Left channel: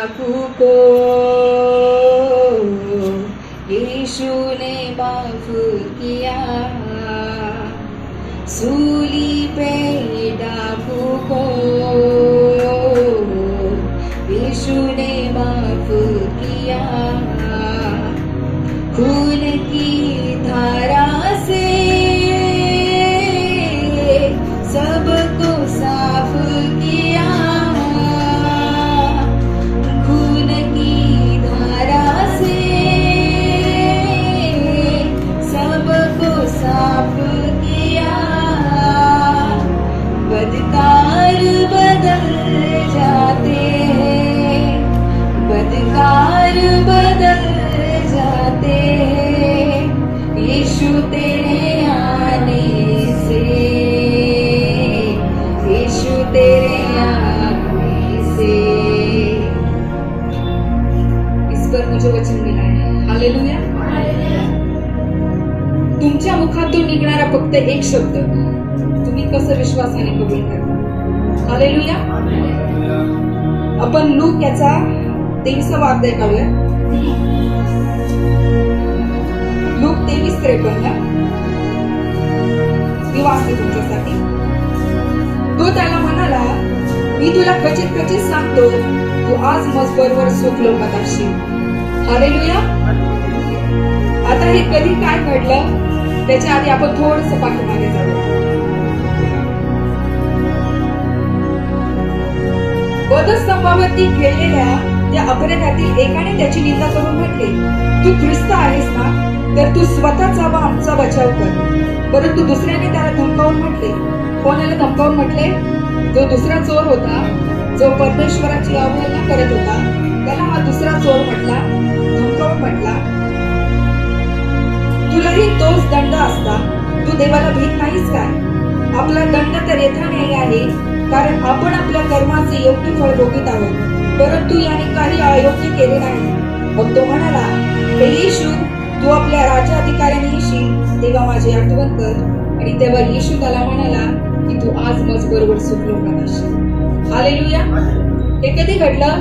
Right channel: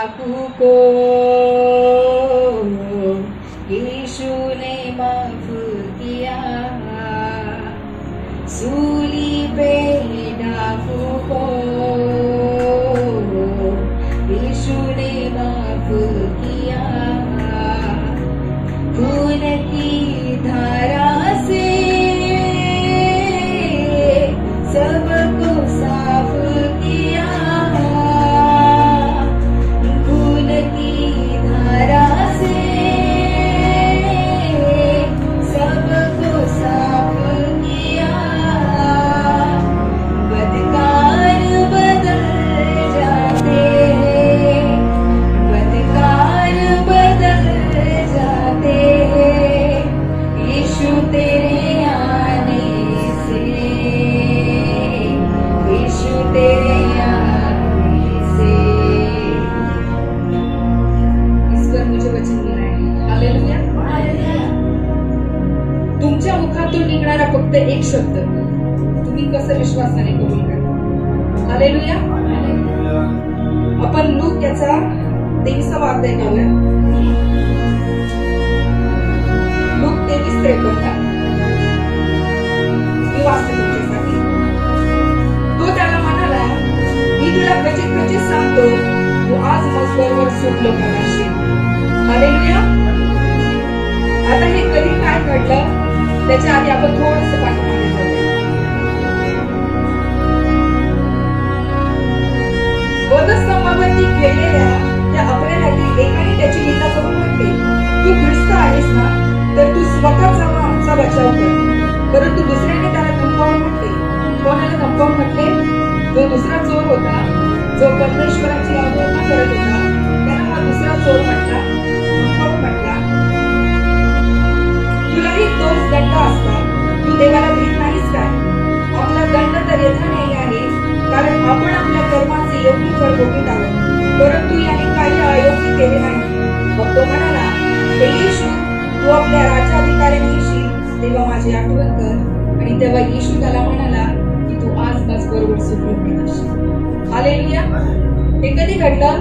डाकू को यीशु ने माफ किया, सूली पे डाकू को यीशु ने माफ किया, खून की धारा से सबको साफ किया, खून की धारा से सबको साफ किया, बदकार बदल जाते हैं, बदकार बदल जाते हैं, यीशु तेरे आने से, यीशु तेरे आने से। इस पर मुझे वचन मिला है, हालेलुया। तुमच्या मुखातून निघणारा फक्त एक शब्द तुम्ही कसं विश्वासाने कबूल करता, हालेलुया। आपण लूक याचा 23वा अध्याय काढूया, लूक 23:53 मी वाचते तुमच्यासाठी। तो त्याला म्हणाला, मी तुला खचित खचित सांगतो, तू आज मजबरवर सुख लोकात असशील, हालेलुया। आता हे कधी काय घडलं त्याच्या आधी आपण थोडंसं पाठीमागे जाऊ। वधस्तंभावरती खेळलेल्या त्या अपराधातील एकाने त्याची निंदा करून म्हटले, तू ख्रिस्त आहेस ना, तर तू स्वतःचा व आमचा बचाव कर। परंतु दुसऱ्याने त्याला धमकावून म्हटले, कोणाला धमकावून म्हटले? जो दुसरा चोर होता, जो परमेश्वराची अवहेलना करत होता, त्याला हा दुसरा चोर म्हटला, धमकावून म्हटला, तुलाही तोच दंड असता, तू देवाला भीत नाहीस काय? आपला दंड तर यथान्यायी आहे, कारण आपण आपल्या कर्माचे योग्य फळ भोगीत आहोत, परंतु याने काही अयोग्य केले नाही। मग तो म्हणाला, हे येशू, तू आपल्या राज्याधिकाऱ्याने येशील तेव्हा माझी आठवण कर। आणि तेव्हा येशू त्याला म्हणाला की तू आज माझबरोबर सुख लोकात असशील, हालेलुया। हे कधी घडलं?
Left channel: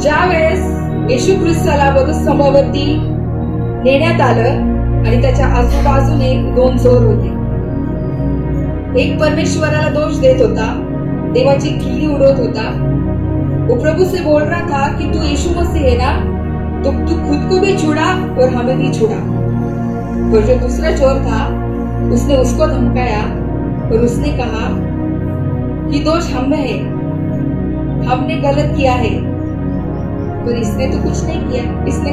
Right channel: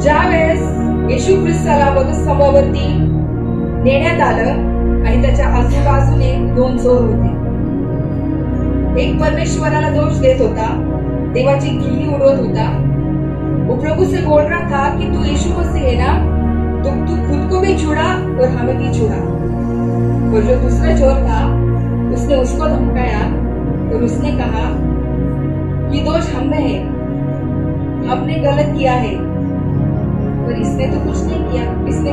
ज्या वेळेस येशू ख्रिस्ताला वधस्तंभावरती नेण्यात आलं आणि त्याच्या आजूबाजूने 2 चोर होते। एक परमेश्वराला दोष देत होता, देवाची खिल्ली उडवत होता, वो प्रभु से बोल रहा था कि तू यीशु मसीह है ना, तो तू खुद को भी छुड़ा और हमें भी छुड़ा। और जो दूसरा चोर था उसने उसको धमकाया और उसने कहा कि दोष हम में है, हमने गलत किया है। पर इसने तो कुछ नहीं किया, किसने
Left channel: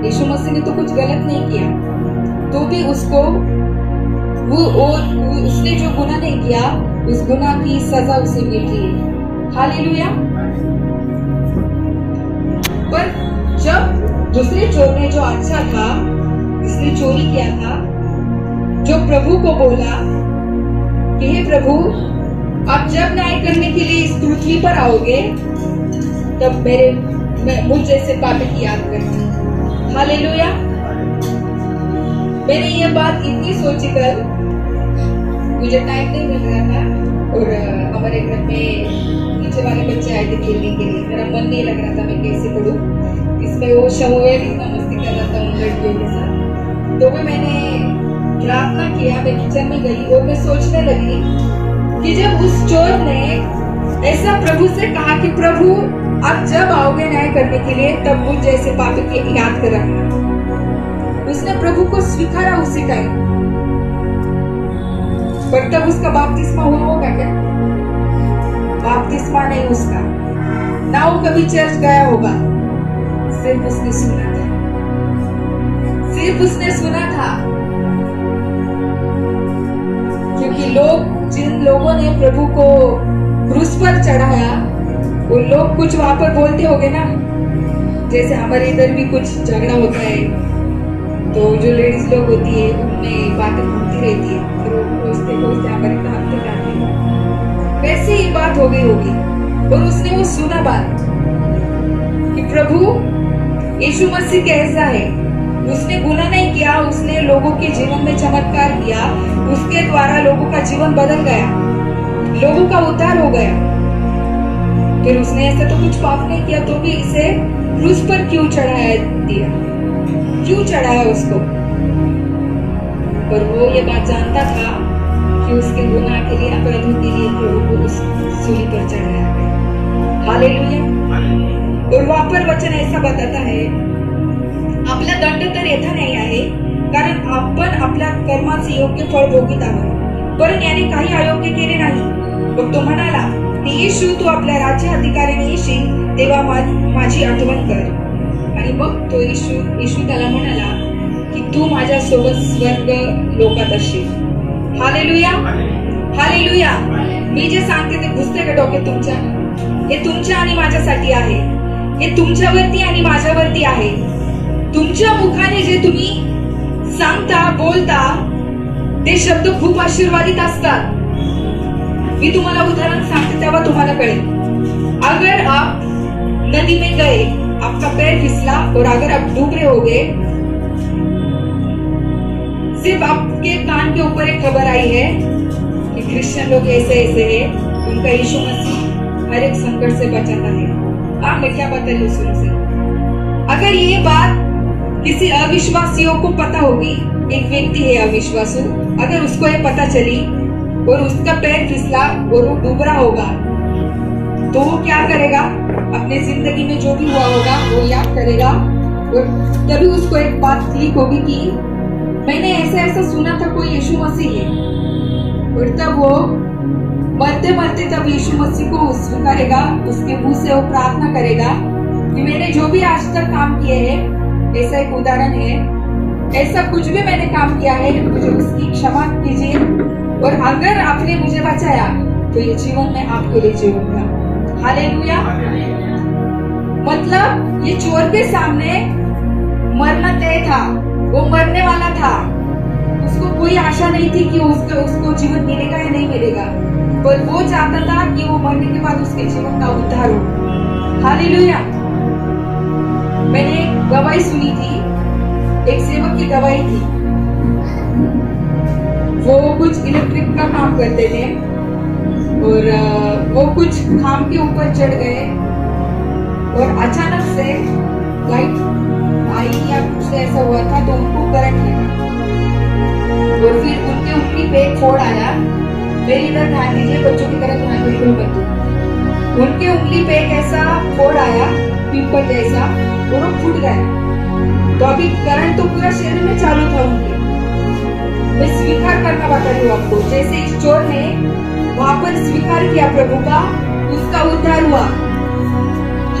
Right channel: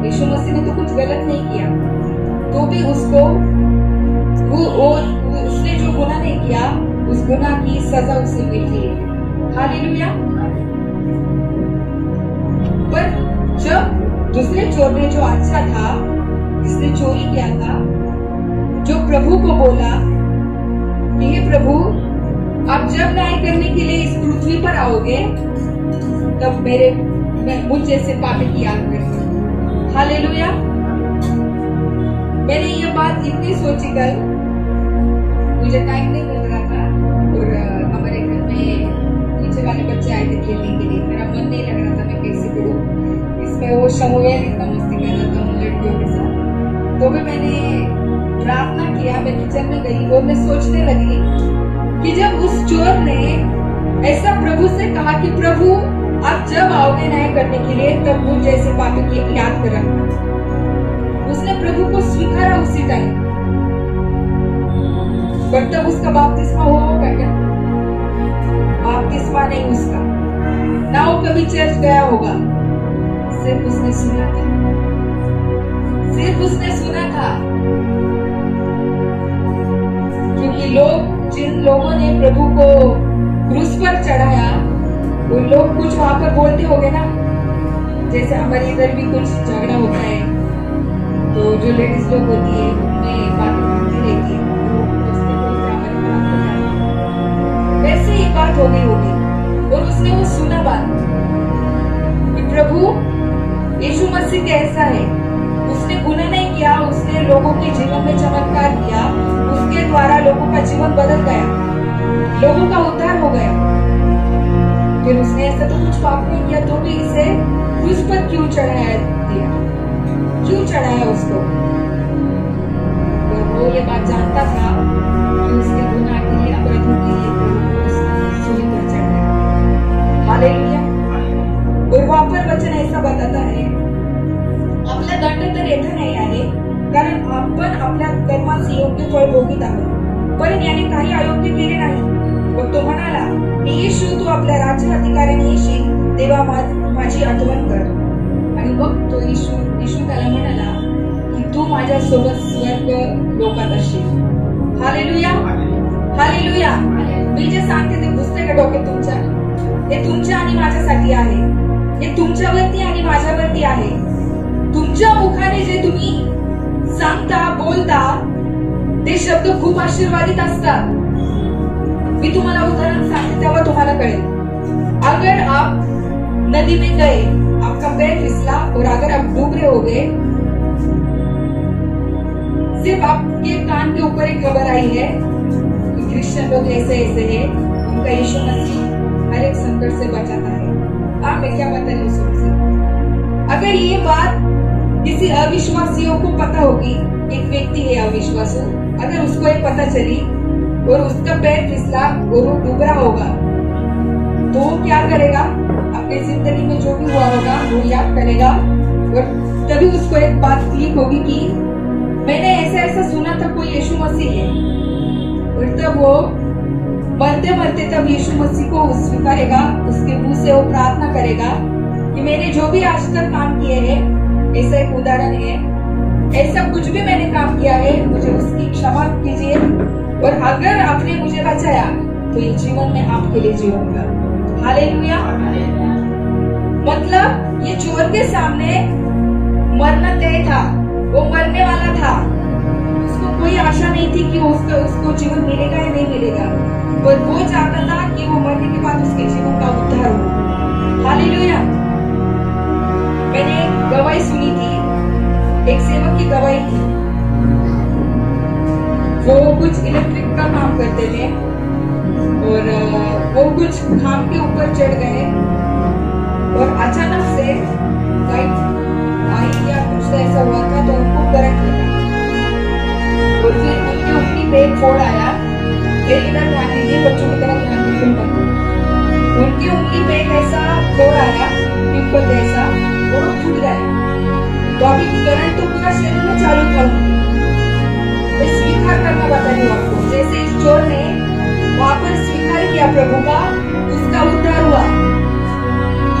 यीशु मसीह ने तो कुछ गलत नहीं किया, तो भी उसको उसने जो गुनाह नहीं किया उस गुनाह की सजा उसे मिल रही है, हालेलुया। पर जब दूसरे चोर ने, जो अच्छा था, जिसने चोरी किया था, जो प्रभु को बोला कि हे प्रभु, आप जब न्याय करने के लिए इस पृथ्वी पर आओगे तब मुझ जैसे पापी की याद करना, हालेलुया। मैंने ये बात इतनी सोची कल, मुझे टाइम नहीं मिल रहा था और हमारे घर में नीचे वाले बच्चे आए थे खेलने के लिए, मेरा मन नहीं लग रहा था मैं कैसे पढ़ूं। इसमें वो शमुएल इतना मस्ती कर रहा था लड़कियों के साथ, तो भी मैंने प्रार्थना किया, मैं किचन में गई और मैं सोचने लगी कि जब उस चोर ने ऐसा प्रभु से कहा कि प्रभु आप जब आओगे न्याय करने के लिए तब मुझ जैसे पापी की याद कर रखना, उसने प्रभु को स्वीकारा उसी टाइम। पर तब उसका बपतिस्मा हुआ होगा क्या? बपतिस्मा नहीं उसका, ना वो कभी चर्च गया होगा, सिर्फ उसने सुना था, सिर्फ उसने सुना था। क्योंकि जिन लोगों ने प्रभु को क्रूस पर चढ़ाया, वो लोग कुछ वहां पर बोलते होंगे ना, जैसे हमारे इधर भी कुछ झगड़ा होता है तो जो लेडीज लोग होती है उनमें बातें घूमती रहती है, फिर वो खोजते खोजते हमारी तरफ तक आती है, वैसे ही बात हो गई होगी। और उसने वो सुना बात कि प्रभु यीशु मसीह कैसा है, उसने गुनाह नहीं किया, उसने लोगों के जीवन में चमत्कार किया, उसके द्वारा लोगों का जीवन बदल गया, लोगों का उद्धार हो गया। फिर उसने ऐसा तो कुछ पाप नहीं किया, तो भी इसे क्रूस पर क्यों चढ़ाया दिया, क्यों चढ़ाया उसको? और वो ये बात जानता था कि उसके गुनाह के लिए, अपराधों के लिए प्रभु को उस सूली पर चढ़ाया। हालेलुया। और वहां पर वचन ऐसा बताता है, आपला दंड तर येथे नाही आहे, कारण आपण आपल्या कर्माचे योग्य फळ भोगीत आहोत, पण याने काही अयोग्य केले नाही. मग तो म्हणाला, येशू तू आपल्या राज्य अधिकाऱ्याने येशील तेव्हा माझी आठवण कर. आणि मग तो येशू त्याला म्हणाला की तू माझ्या सोबत स्वर्ग लोकात असशील. Hallelujah, hallelujah. मी जे सांगते ते घुसते का डोक्यात तुमच्या? हे तुमच्या आणि माझ्यासाठी आहे, हे तुमच्यावरती आणि माझ्यावरती आहे. तुमच्या मुखाने जे तुम्ही सांगता, बोलता, ते शब्द खूप आशीर्वादित असतात. मी तुम्हाला उदाहरण सांगते तेव्हा तुम्हाला कळेल. अगर आप नदी में गए, आपका पैर फिसला और अगर आप डूब रहे हो गए, सिर्फ आपके कान के ऊपर एक खबर आई है कि क्रिश्चियन लोग ऐसे ऐसे है, उनका यीशु मसीह हर एक संकट से बचाता है. मैं क्या बता रही हूँ? अगर ये बात किसी अविश्वासियों को पता होगी, एक व्यक्ति है अविश्वासु, अगर उसको ये पता चली और उसका पैर फिसला और वो डूब रहा होगा, तो वो क्या करेगा? अपने जिंदगी में जो भी हुआ होगा वो याद करेगा और तभी उसको एक बात क्लिक होगी कि मैंने ऐसा ऐसा सुना था कोई यीशु मसीह है. और तब वो मरते मरते तब यीशु मसीह को स्वीकारेगा, उसके मुंह से वो प्रार्थना करेगा कि मैंने जो भी आज तक काम किए हैं, ऐसा एक उदाहरण है, ऐसा कुछ भी मैंने काम किया है, मुझे उसकी क्षमा कीजिए. और अगर आपने मुझे बचाया तो ये जीवन मैं आपके लिए जीऊंगा. हालेलुया. मतलब ये चोर के सामने मरना तय था, वो मरने वाला था, उसको कोई आशा नहीं थी कि उसको जीवन मिलेगा या नहीं मिलेगा, पर वो चाहता था कि वो मरने के बाद उसके जीवन का उद्धार हो. हालेलुया. मैंने एक गवाही सुनी थी, एक सेवक की गवाही थी. वो कुछ इलेक्ट्रिक का काम करते थे और वो कुछ खाम के ऊपर चढ़ गए और अचानक से लाइट आई या कुछ ऐसा हुआ था, तो उनको करंट लगा और फिर उनकी उंगली पे एक फोड़ आया. मेरी इधर ध्यान दीजिए, बच्चों की तरह ध्यान बिल्कुल मत दो. उनकी उंगली पे एक ऐसा फोड़ आया, पिंपल जैसा, और वो फूट गए. तो अभी करंट तो पूरा शरीर में चालू था उनके. मैं स्वीकार करना बता रही हूँ आपको, जैसे इस चोर ने वहां पर स्वीकार किया प्रभु का, उसका उद्धार हुआ.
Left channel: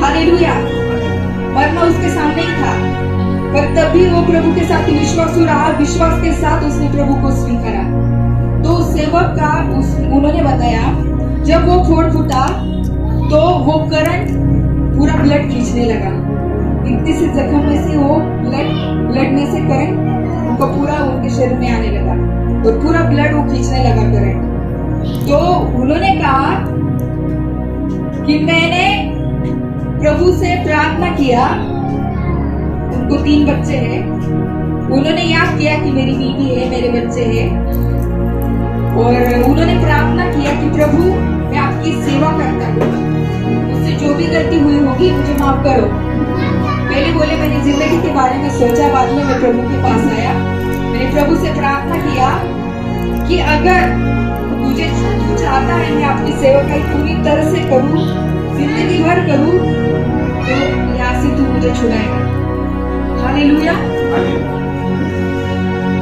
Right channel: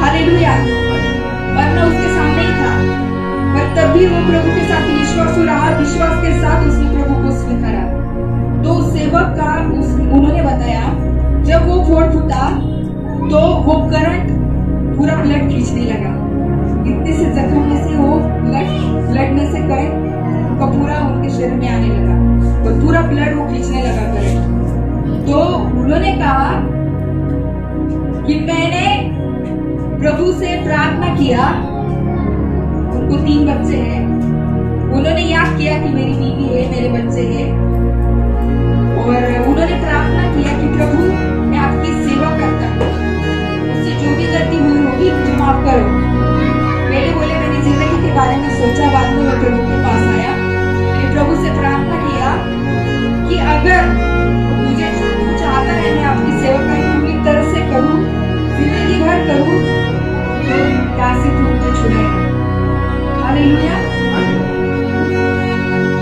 हालेलुया. मरना उसके सामने ही था, पर तब भी वो प्रभु के साथ विश्वासु रहा, विश्वास के साथ उसने प्रभु को स्वीकारा. तो सेवक का उन्होंने बताया, जब वो फोड़ फूटा तो वो करंट पूरा ब्लड खींचने लगा. इतनी से जख्म में से वो ब्लड में से करंट उनको पूरा उनके शरीर में आने लगा और पूरा ब्लड वो खींचने लगा करंट. तो उन्होंने कहा कि मैंने प्रभु से प्रार्थना किया. उनको 3 बच्चे हैं. उन्होंने याद किया कि मेरी बीवी है, मेरे बच्चे हैं, और उन्होंने प्रार्थना किया कि प्रभु मैं आपकी सेवा करता हूँ, मुझसे जो भी गलती हुई होगी मुझे माफ करो. पहले बोले मैंने जिंदगी के बारे में सोचा, बाद में मैं प्रभु के पास आया. मैंने प्रभु से प्रार्थना किया कि अगर तू चाहता है मैं आपकी सेवा पूरी तरह से करूं, जिंदगी भर करूं, तो यहाँ से तू मुझे छुड़ाएगा. हालेलुया.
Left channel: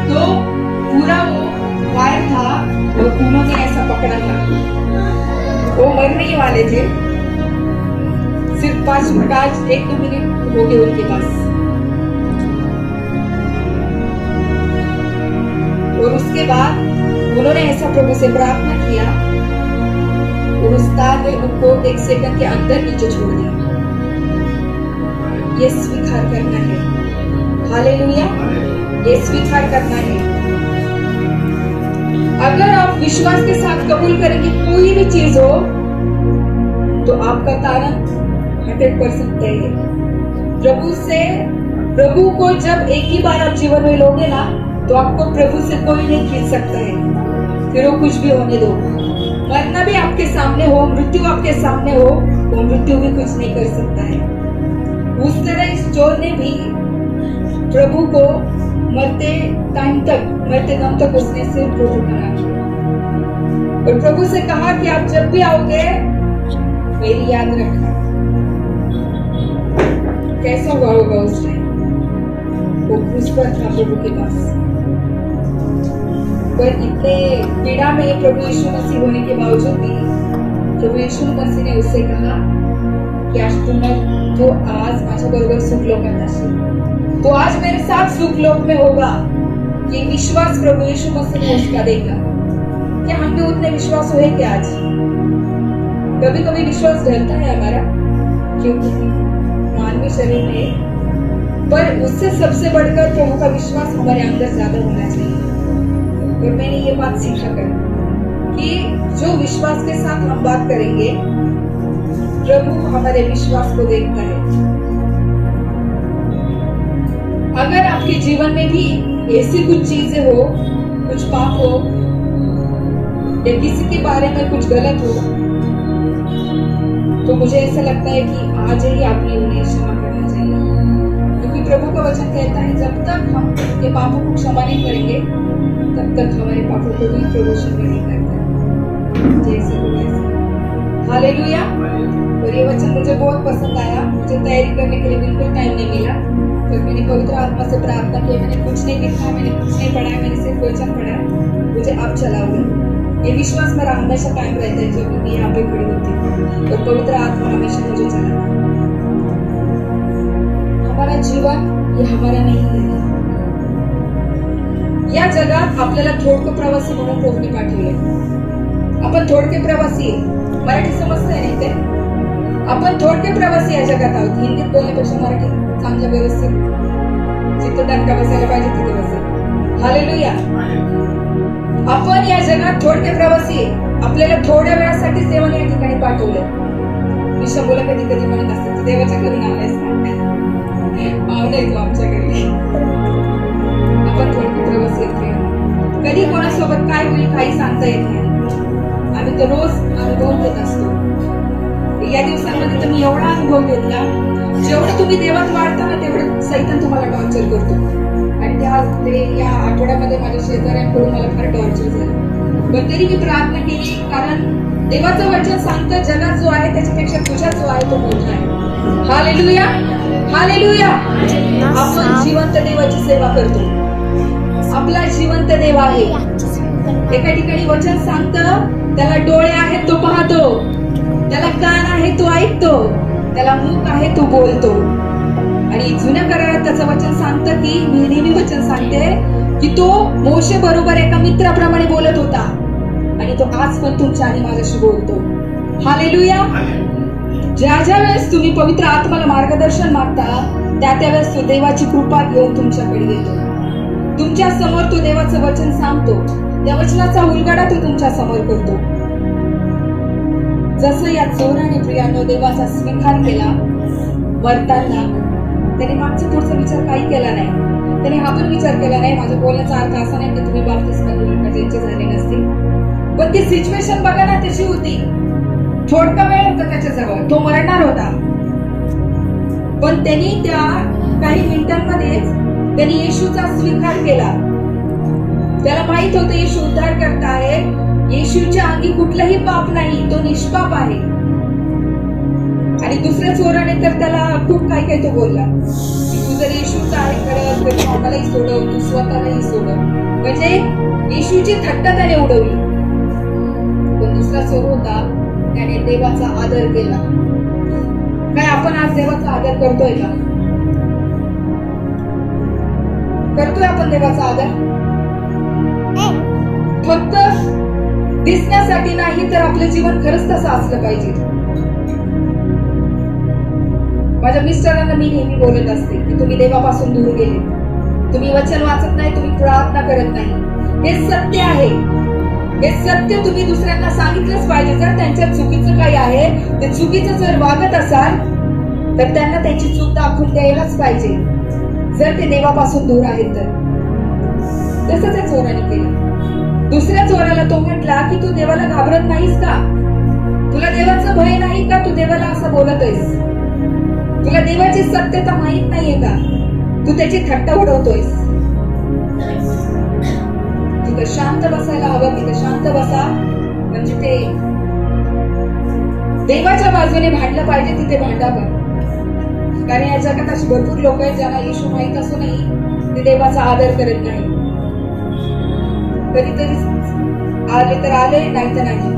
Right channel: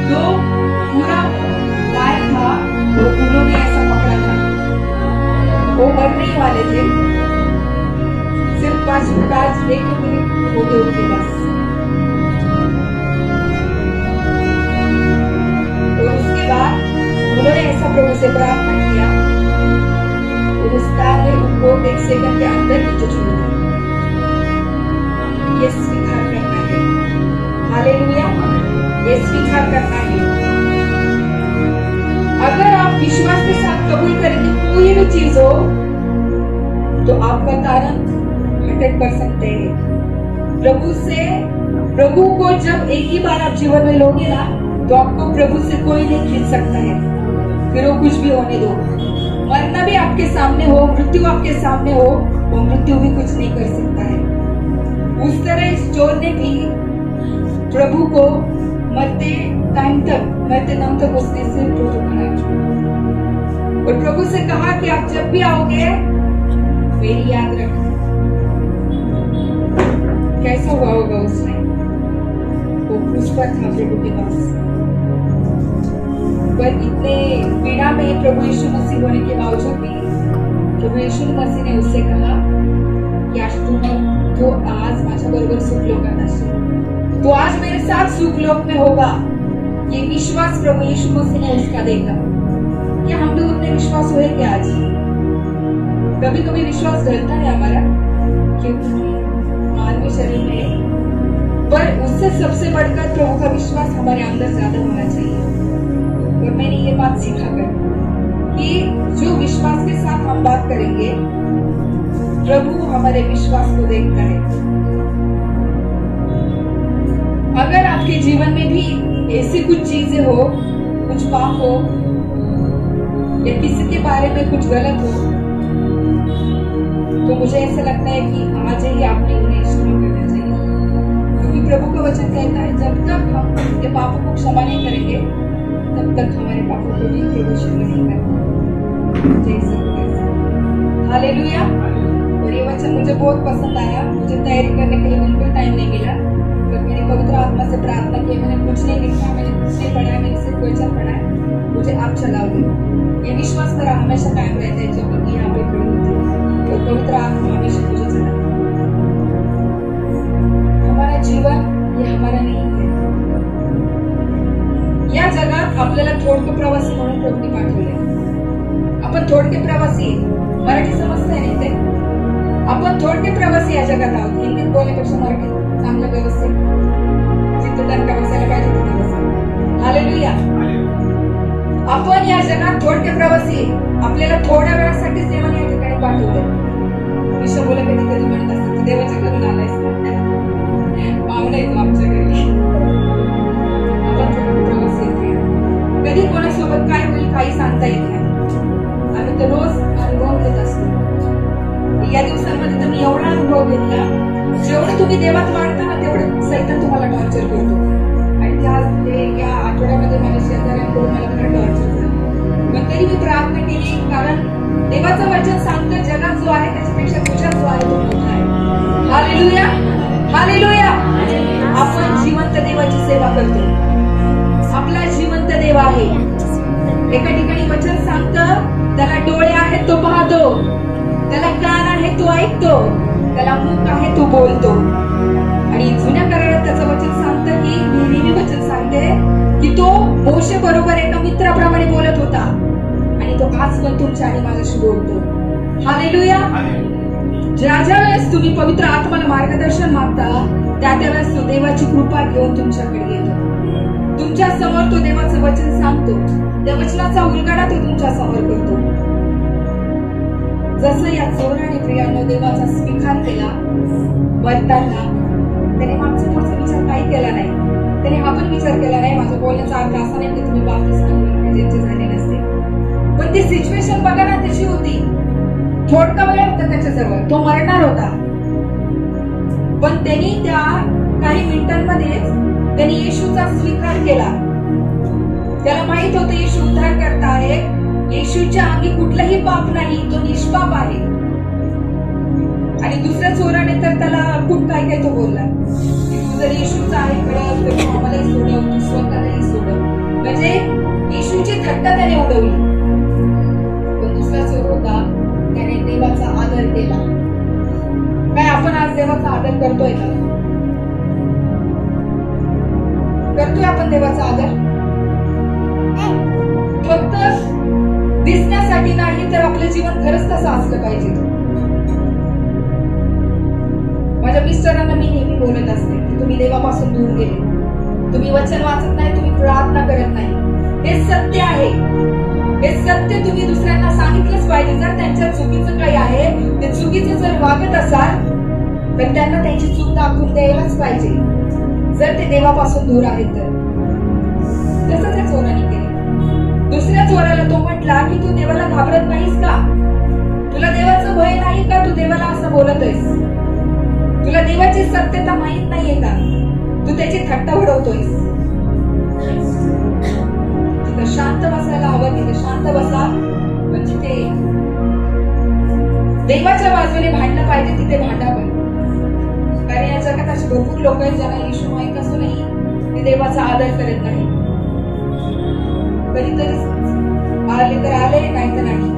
तो पूरा वायर था वो उन्होंने ऐसा पकड़ा था, वो मरने ही वाले थे. सिर्फ 1-2 मिनट हो गए उनके पास. और उसके बाद उन्होंने ऐसा प्रभु से प्रार्थना किया और उस तार ने उनको 1 सेकंड के अंदर नीचे छोड़ दिया. ये स्वीकार करना है. हालेलुया. ये स्वीकार करना है. अगर आप विश्वास के साथ कबूल करेंगे कोई भी चीज हो, तो आपका तारण 100% है. प्रभु को जब एक ही बार आप जीवन में लोगे ना, तो आपको प्रभु से कोई नहीं खींच सकता है. फिर वो कुछ भी होने दो, मरना भी आपके सामने हो, मृत्यु आपके सामने हो, वो मृत्यु भी कुछ नहीं कर सकता है। उस तरह इस चोर ने भी प्रभु को मरते दम तक उसने सिर्फ प्रभु का नाम लिया और प्रभु से कहा कि आप जब भी आओगे मेरी याद रखना। कैसा हुआ होगा उस टाइम? वो क्रूस पर था प्रभु के पास, पर इतने पीड़ा में प्रभु यीशु मसीह होने के बावजूद भी प्रभु यीशु मसीह ने उससे कहा की आज तो आज माझ्या बरोबर सुखलोकात असशील, तो आज मेरे साथ सुखलोक में होगा। ये विश्वास प्रभु यीशु मसीह ने उसका देखा। क्या हम भी उतने विश्वास हुए कि आज कभी कभी विश्वास ढलता है हमारा, क्योंकि मानवीय शरीर में, पर उससे सबसे बढ़कर प्रभु का विश्वास हमारे अंदर ज्यादा होना चाहिए। और मैंने ये बात सीखा कर कि जो विश्वास के साथ हम बात करेंगे प्रभु हमारे विश्वास को देखता है। अगर आपके जीवन में भी ऐसी कुछ चीजें हो, कुछ पाप हो या किसी के बारे में कुछ गलत हो, तो मुझे ऐसा लगता है कि आज ही आपने उन्हें क्षमा करना चाहिए, क्योंकि प्रभु का वचन कहता है जब तक हम उसके पापों को क्षमा नहीं करेंगे तब तक हमारे पापों को भी प्रभु क्षमा नहीं करता। जैसे हालेलुया। और ये वचन मुझे बहुत पसंद आया। मुझे तैयारी करने के लिए बिल्कुल टाइम नहीं मिला, तो मैंने पवित्र आत्मा से प्रार्थना की। मैंने कुछ नहीं लिखा, मैंने कुछ नहीं पढ़ा, मैंने सिर्फ वचन पढ़ा। मुझे आप चलाओगे, ये विश्वास मेरा हमेशा कायम रहता है जब मैं यहाँ पे खड़ी होती हूँ और पवित्र आत्मा हमेशा मुझे चलाता है। हमारा जीवन ये हमारा नहीं है। या जगात आपल्याला थोडके प्रवासी म्हणून प्रभूने पाठवले। आपण थोडके प्रवासी, मराठी समजतंय नाही ते? आपण थोडके प्रवासी या जगात आहोत। हिंदीत बोलण्यापेक्षा मराठीत चांगलं व्यवस्थित जिथे दणका बसायला पाहिजे तिथे बसेल। हालेलुया। आपण या जगात थोडके प्रवासी, आपल्याला थोड्या वेळासाठीच देवाने या ठिकाणी पाठवलं। विश्व मुलं कधी कधी म्हणत असतात देवाच्या घरून आलायस का? पाहुणा येतो आमच्या घरी। आपण थोडके प्रवासी आहेत। कधी कोणासोबत काय होईल काही सांगता येत नाही। आम्ही तर रोज अनुभव घेत असतो। या दिवसांमध्ये तर मी एवढा अनुभव घेतला, जेवढं तुम्ही देवात वाढता ना तेवढं सैतान तुम्हाला टॉर्चर करतो। आणि या आठवड्यामध्ये माझ्या शेजाऱ्यांकडून मला फार टॉर्चर झालं, पण तरी मी प्रार्थना केली, कारण देवाचं वचन सांगतं जगात जो आहे त्याच्यापेक्षा तुझ्यात जो आहे तो मोठा आहे। Hallelujah, hallelujah. आपण जिवंत देवाची सेवा करतो। आपला जिवंत देव आहे। एका ठिकाणी वचन सांगतं त्याला डोळे आहेत तो पाहतो, त्याला कान आहे तो ऐकतो, त्याला मुख आहे तो बोलतो। आणि जुन्या करारात त्याचं वचन सांगतं की मी नेहमी वचन सांगते की तो मोशे बरोबर एका मित्राप्रमाणे बोलत होता आणि तो आज पण तुमच्या आणि माझ्याशी बोलतो। हालेलुया। ज्या ज्या वेळेस तुम्ही पवित्र आत्म्याला मार्गदर्शन मागता त्या वेळेस तो देवाची कृपा घेऊन तुमच्याकडे येतो। तुमच्या समोर तो देवाचं वचन सांगतो, त्या वचनाचा उलगडा तो तुमच्या समोर करतो। जसं या चोराने प्रियानो देवाचा स्वीकार केला मरताना, त्याने मागचा पुढचा विचार काही केला नाही। त्याने हा पण विचार केला नाही, माझा बोलण्याचा अर्थ असा नाही की तुम्ही बाप्तिस्मा घेऊन का ज्यांचे झाले नसतील, पण ती सिच्युएशन बघा ना तशी होती। थोडका वेळ होता त्याच्याजवळ, तो मरणार होता, पण त्यांनी त्या काही मिनिटांमध्येच त्यांनी येशूचा स्वीकार केला। त्याला माहित होतं येशू उद्धार करता आहे, येशूच्या अंगी कुठलंही पाप नाही, तो निष्पाप आहे। आणि दुसऱ्या चोराने तर त्याला खूप काय तो बोलला की तू जर येशूचा आहे खरं तर तू आम्हालाही सोडव, तू स्वतःलाही सोडव, म्हणजे येशूची थट्टा त्याने उडवली। पण दुसरा चोर होता त्याने देवाचा आदर केला। काय आपण आज देवाचा आदर करतोय का? करतोय आपण देवाचा आदर? फक्त दिसण्यासाठी नाही तर आपलं जीवन खरंच तसं असलं पाहिजे। माझ्या मिस्टरांना मी नेहमी बोलत असते की तुम्ही देवापासून दूर गेले, तुम्ही वचन वाचत नाही, तुम्ही प्रार्थना करत नाही। हे सत्य आहे, हे सत्य तुम्ही दुसऱ्यांना सांगितलंच पाहिजे। जर त्यांच्या चुकीचं काही आहे, ते चुकीचं जर वागत असाल तर त्यांना त्यांची चूक दाखवून द्यायलाच पाहिजे, जर ते देवापासून दूर आहेत तर। तसंच त्या चोराने केलं। दुसऱ्या चोराला तो म्हटला की तू देवाला घाबरत नाहीस का? तुला देवाचं भय नाही का? तू देवाला असं बोलत आहेस? तुला देवाची सत्यता माहित नाहीये का? तू त्याची थट्टा उडवतोयस. तिथं शांत बसायला हवं, तिथं शांत बसा. म्हणजे ते देवाच्या बाजूने भांडलं पाहिजे, तिथे भांडा. पण कारण या जगात अशी भरपूर लोक आहेत ज्यांना येशू माहित असूनही ते देवाचा आदर करत नाही. कधीतरी आले तर आले, नाही तर नाही.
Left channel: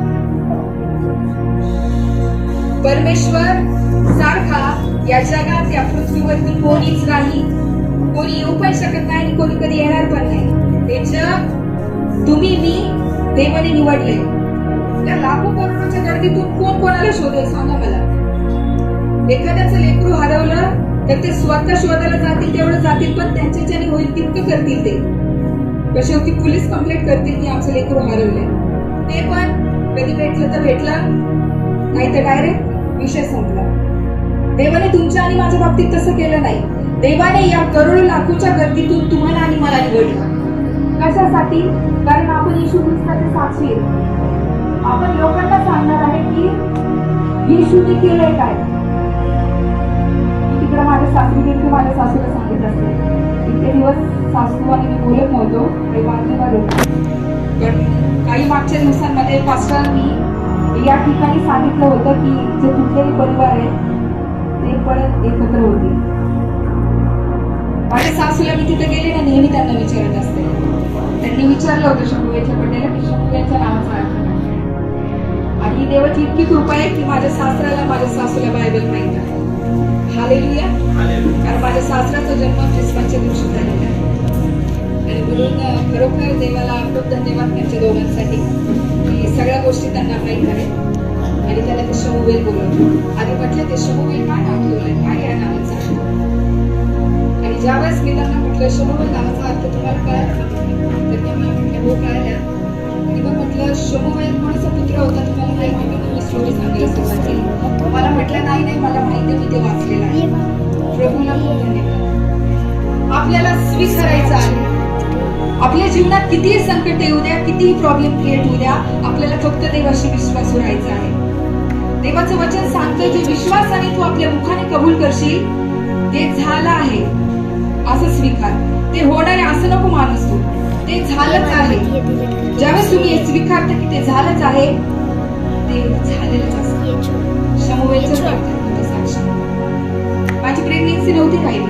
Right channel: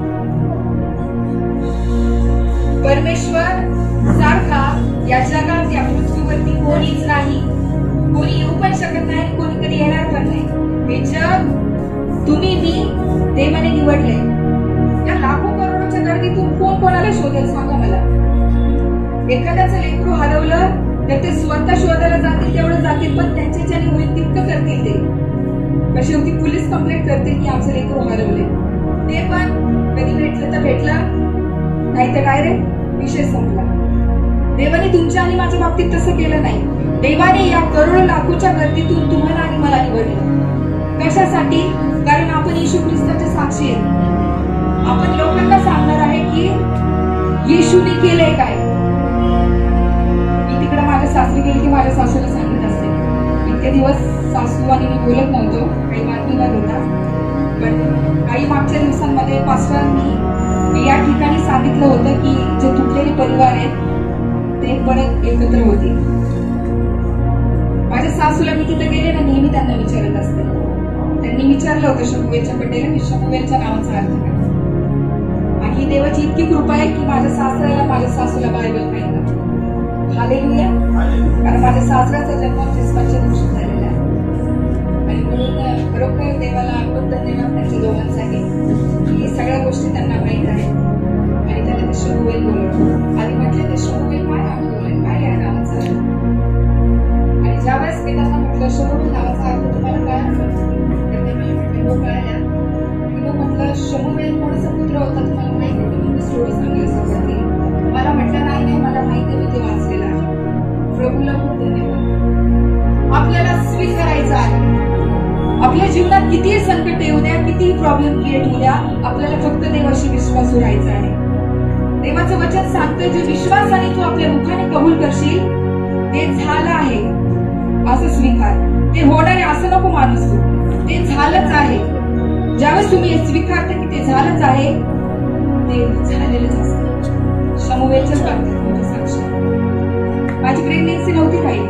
परमेश्वर सारखा या जगात, या पृथ्वीवरती कोणीच नाही. कोणी येऊ पण शकत नाही आणि कोणी कधी येणार पण नाही. हे जग तुम्ही मी देवाने निवडले. या लाखो करोडोच्या गर्दीतून कोण कोणाला शोधेल सांगा मला? एखाद्याचं लेकरू हरवलं तर ते स्वतः शोधायला जातील, तेवढं जातील, पण त्यांच्याच्याने होईल तितकं करतील. ते कशी होती, पोलीस कंप्लेंट करतील की आमचं लेकरू हरवले. ते पण कधी भेटलं तर भेटलं, नाही तर डायरेक्ट विषय संपला. देवाने तुमच्या आणि माझ्या बाबतीत तसं केलं नाही. देवाने या करोडो लाखोच्या गर्दीतून तुम्हाला आणि मला निवडलं. कशासाठी? कारण आपण येशू ख्रिस्ताचे साक्षी आहेत. आपण लोकांना सांगणार आहे की येशूने केलंय काय. मी तिकडे माझ्या सासरी गेली की माझ्या सासूला सांगत असते. इतके दिवस सासू आणि मी बोलत नव्हतो, काही बातमीवर होता. पण काही मागच्या दिवसांमध्ये पास्टरांनी या ठिकाणी सांगितलं होतं की जे तुटलेले परिवार आहेत ते परत एकत्र होतील. माझ्या सासूला मी तिथे गेले ना, नेहमी त्यांना विचारत असते. त्यांनी विचारलं होतं शमुवेलच्या बड्डेला की शमुवेलच्या नावाचा अर्थ काय. आणि ही देवाची इतकी कृपा आहे की माझ्या सासऱ्याला, माझ्या सासूला बायबल माहित आहे. हालेलुया. कारण माझ्या सासऱ्याचा जन्म ख्रिसमसच्या दिवशी झालेला आहे. आणि म्हणून खरोखर देवाला खूप धन्यवाद त्यांच्या दोघांसाठी की सगळ्या गोष्टी त्यांना माहित आहेत. आणि त्याला ते शमुवेल बोलवलं. आणि म्हटलं ते शमुवेल काय नाव ठेवलंय, काय या नावाचा अर्थ. आणि ज्यावेळेस मी त्यांना म्हटलं शमुवेल नावाचा अर्थ तुम्हाला कळाला का? तर ते मी म्हटलं हो कळाला. आणि मग म्हटलं शमुवेल कोणाचा पुत्र होता तुम्हाला माहिती? मी तुम्ही स्टोरी सांगायला सुरुवात केली. मला म्हटलं नाही नाही मला माहिती, मी ते वाचलेलं आहे. प्रभूला खूप धन्यवाद. आपल्याला स्वीकारायचं आहे. आपल्या जीवनात कितीही संकट येऊ द्या, कितीही प्रॉब्लेम क्रिएट होऊ द्या, आपल्याला फक्त देवाशी विश्वास राहायचा आहे. देवाचं वचन सांगतं जे विश्वासाने तू आपल्या मुखाने कबूल करशील ते झालं आहे असं स्वीकार. ते होणार आहे असं नको माणूस तू. ते झालंच आहे. ज्यावेळेस तुम्ही हे स्वीकारता की ते झालंच आहे, ते झालेलंच असतं. शमुवेलचं साक्षी. माझी प्रेग्नेन्सी नव्हती राहिली,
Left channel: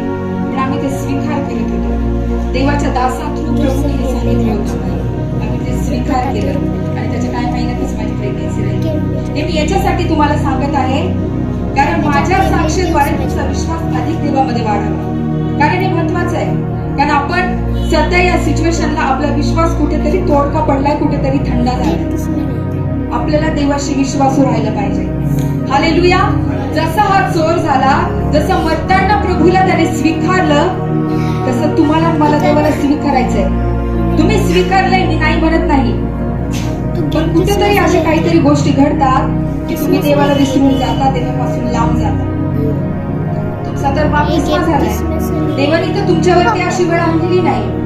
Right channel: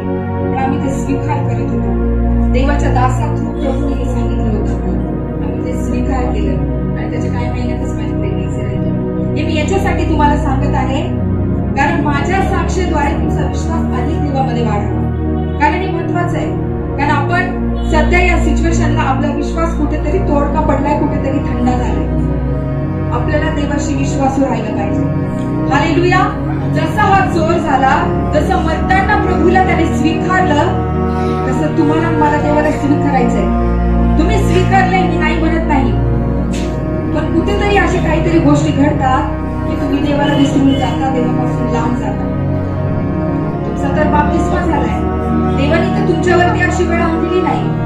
पण आम्ही ते स्वीकार करत होतो. देवाच्या दासा थ्रू प्रभूने हे सांगितलं होतं, आम्ही ते स्वीकार केलं आणि त्याच्या काही महिन्यातच माझी प्रेग्नेन्सी राहिली. हे मी याच्यासाठी तुम्हाला सांगत आहे कारण माझ्या साक्षीद्वारे तुमचा विश्वास अधिक देवामध्ये वाढावा. कारण हे महत्वाचं आहे. कारण आपण सध्या या सिच्युएशनला आपला विश्वास कुठेतरी तोडका पडलाय, कुठेतरी थंडा झालाय. आपल्याला देवाशी विश्वासू राहिला पाहिजे. हालेलुया. जसा हा चोर झाला, जसं मरताना प्रभूला त्याने स्वीकारलं, तसं तुम्हाला मला देवाला स्वीकारायचंय. तुम्ही स्वीकारलंय मी नाही म्हणत नाही, पण कुठेतरी अशा काहीतरी गोष्टी घडतात की तुम्ही देवाला विसरून जाता, देवापासून लांब जाता. तुमचा तर बाप्तिस्मा झालाय. देवाने तर तुमच्यावरती अशी वेळ आणलेली नाही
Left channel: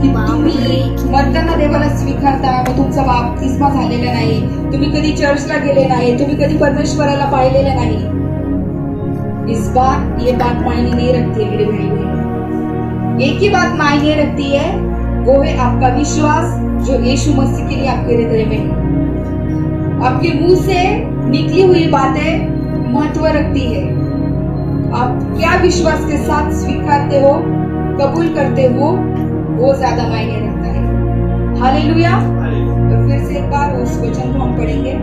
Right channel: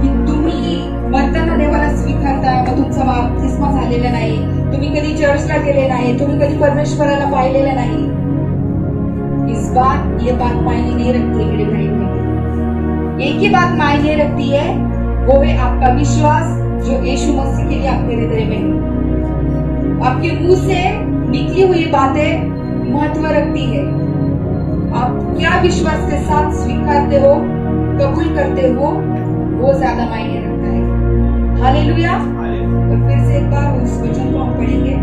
की तुम्ही मरताना देवाला स्वीकारता, मग तुमचा बाप्तिस्मा झालेला नाही, तुम्ही कधी चर्चला गेले नाही, तुम्ही कधी परमेश्वराला पाहिलेलं नाही. इस बात ये बात मायने नहीं रखती मेरे भाई बहन. एक ही बात मायने रखती है, वो है आपका विश्वास जो यीशु मसीह के लिए आपके हृदय में है. आपके मुंह से निकली हुई बातें महत्व रखती है. आप क्या विश्वास के साथ स्वीकारते हो, कबूल करते हो, वो ज्यादा मायने रखता है. हालेलुया. तो फिर से एक बार उस वचन को हम पढ़ेंगे.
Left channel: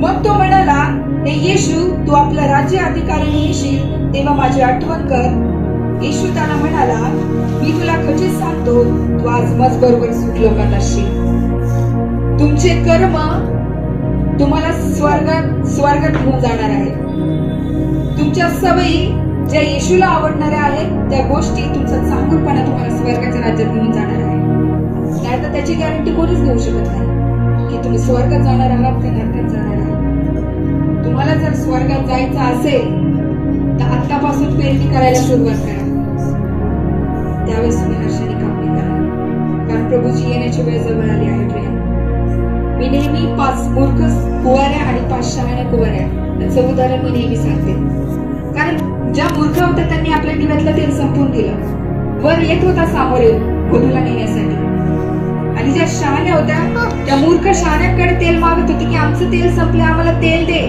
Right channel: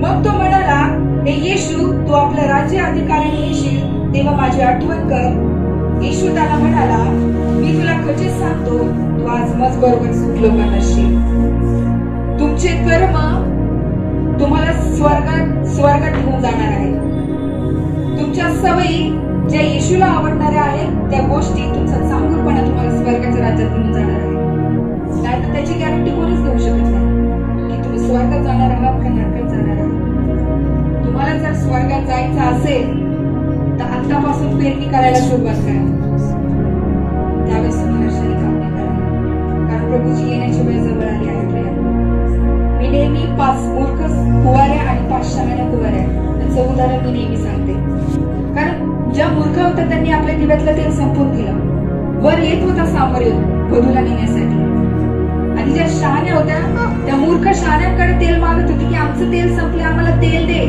मग तो म्हणाला, हे येशू तू आपल्या राज्य अधिकाराने येशील तेव्हा माझी आठवण कर. येशू त्याला म्हणाला, मी तुला खचित सांगतो तू आज मज बरोबर सुखलोकात असशील. तुमचे कर्म तुम्हाला स्वर्गात घेऊन जाणार आहेत. तुमच्या सवयी ज्या येशूला आवडणाऱ्या आहेत त्या गोष्टी, तुमचा चांगुलपणा तुम्हाला स्वर्गाच्या राज्यात घेऊन जाणार आहे. नाहीतर त्याची गॅरंटी कोणीच देऊ शकत नाही की तुम्ही स्वर्गात जाणार आहात का नरकात जाणार आहात. तुम्हाला जर स्वर्गात जायचं असेल तर आतापासून पेरणी करायला सुरुवात करा. त्यावेळेस तुम्ही हर्षाने कापणी करा, कारण प्रभूची येण्याची वेळ जवळ आली आहे. प्रिया, मी नेहमी 5 मूर्ख कुवाऱ्या आणि 5 शहाण्या कुवाऱ्या याचं उदाहरण मी नेहमी सांगते. कारण ज्या मूर्ख होत्या त्यांनी आपल्या दिव्यातलं तेल संपवून दिलं, वर येत होता सामोरे वधूला नेण्यासाठी. आणि ज्या शहाण्या होत्या त्या मूर्ख शहाण्यांकडे तेल मागत होती की आमचं तेल संपले, आम्हाला तेल दे.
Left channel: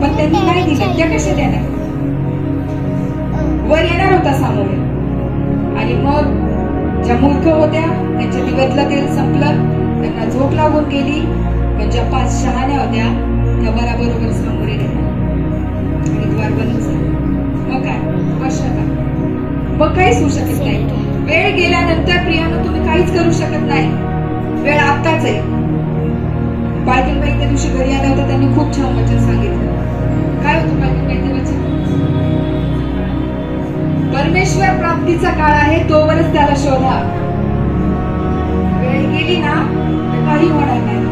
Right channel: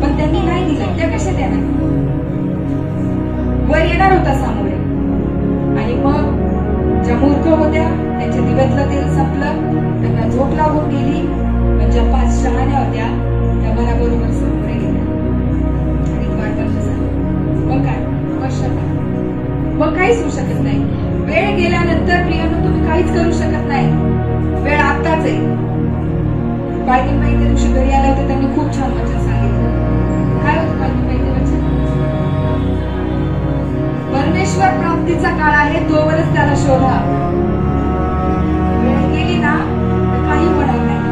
पण त्यांनी नाही दिलं. त्या कशा देणार? वर येणार होता सामोरे. आणि मग ज्या मूर्ख होत्या त्यांच्या दिव्यातलं तेल संपलं, त्यांना झोप लागून गेली. पण ज्या 5 शहाण्या होत्या त्या बरोबर सामोरे गेल्या आणि द्वार बंद झालं. मग काय? मग काहीच होऊ शकत नाही. वेळ गेल्यानंतर प्रियानो तुम्ही काहीच करू शकत नाही. वेळ आत्ताच आहे. पालखीबाई त्या दिवशी घरी आल्या होत्या, त्यांनी खूप छान वचन सांगितलं. काय होतं पालखीबाईचं वचन? परमेश्वर प्राप्तीचा काळ आहे तोवरच त्याला शोधा. वेळ गेली ना तर काही होणार नाही.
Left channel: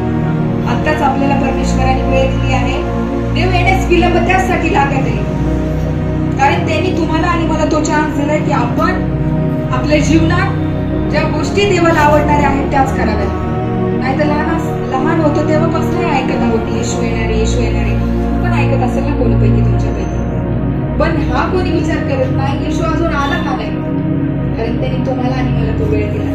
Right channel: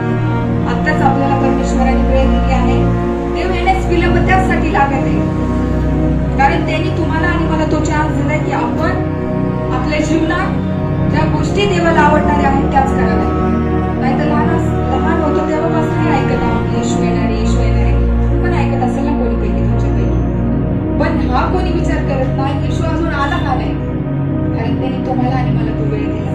आत्ताच आपल्याला परमेश्वराने वेळ दिली आहे. देव येण्यास विलंब त्यासाठी लागत आहे, कारण त्यांनी तुम्हाला आणि मला तो चान्स दिलाय की आपण आपल्या जीवनात ज्या गोष्टी देवाला आवडणाऱ्या आहेत त्याच कराव्यात. नाही तर लहान होतो तेव्हा कसं नाही ऐकत आहोत की येशू येणारे येशू येणारे. पण ऐकत असेल ना कोणीपैकी तुमच्यापैकी. पण हा कोणी विचार करत नाही येशू अजून आला का नाही, कारण त्यांनी तुम्हाला आणि मला तो वेळ दिला.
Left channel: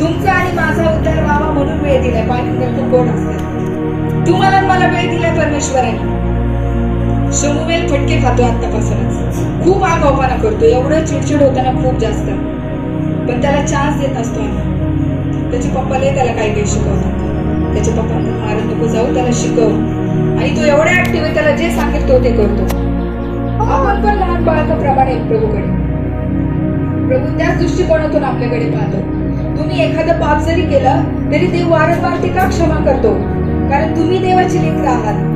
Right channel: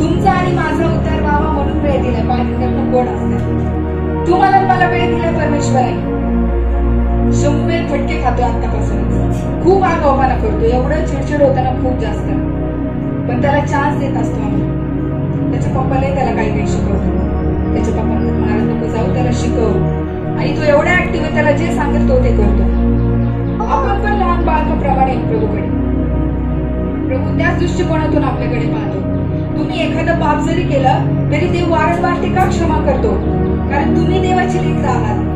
तुमचा आणि माझा उद्धार व्हावा म्हणून वेळ दिलाय. पालखीला खूप गोड असते. तुम्हाला मला वेळ दिलाय परमेश्वराने. शमूएल फटके खातो आतापासूनच, खूप आगाऊपणा करतो, एवढं चिडचिड होताना खूप जास्त. पण त्याला चान्स देत असतो आम्ही. त्याच्या पप्पाला त्याला काही शिकवतो. त्याच्या पप्पा म्हणतात मारत नको जाऊ, त्याला शिकव. आणि तो एवढा ऍक्टिव्ह आहे, त्याला जे सांगेल तो ते करतो. आपण पण लहान बाळकाप्रमाणे प्रभूकडे, प्रभू त्याच दृष्टिकोनातून आपल्याकडे पाहतो. तुम्ही एखादं पाप जरी केलं तरी देव वारंवार ते का क्षमा करतो? कारण तुम्ही देवाची लेकरं आहात.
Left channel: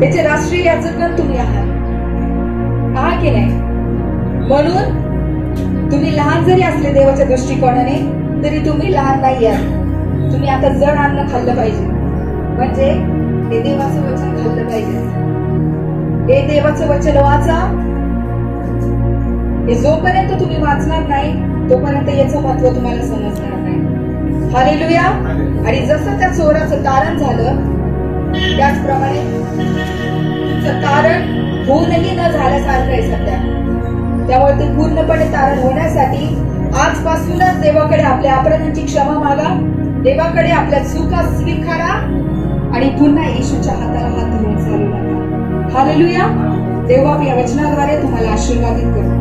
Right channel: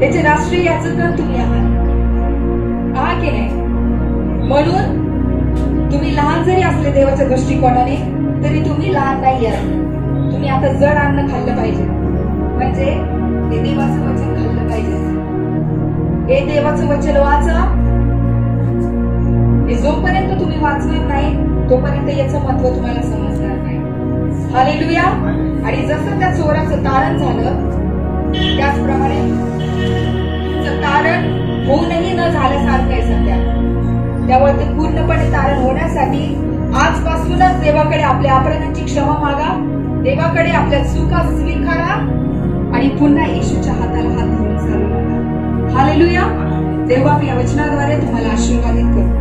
त्याचे राष्ट्रीय याजकगण तुम्ही आहात की नाही? म्हणून तुम्ही लहान जरी असले देवाच्या दृष्टिकोनाने तरी तुम्ही लहान नाही आहात. तुम्ही आता जड अन्न खाल्लं पाहिजे, म्हणजे हे देवाचं वचन खाल्लं पाहिजे. हे देवाचं वचन वाचा. हे जोपर्यंत तुम्ही वाचणार नाही तोपर्यंत याचं महत्व तुम्हाला समजणार नाही. हालेलुया. आणि जसं त्या चोराचं तारण झालं त्याचप्रमाणे तुमचं तारण होऊनही न झाल्यासारखं आहे सध्या. त्यामुळे ते पूर्णपणे तारण होण्यासाठी आजपासूनच देवाकडे आपल्या अपराधांची क्षमा मागा, देवाकडे आपल्या चुका स्वीकारा आणि पुन्हा येशूच्या हाताला हात धरून चालू नका. हालेलुया. देव आपल्या वचनाद्वारे तुम्हाला आशीर्वादित करू.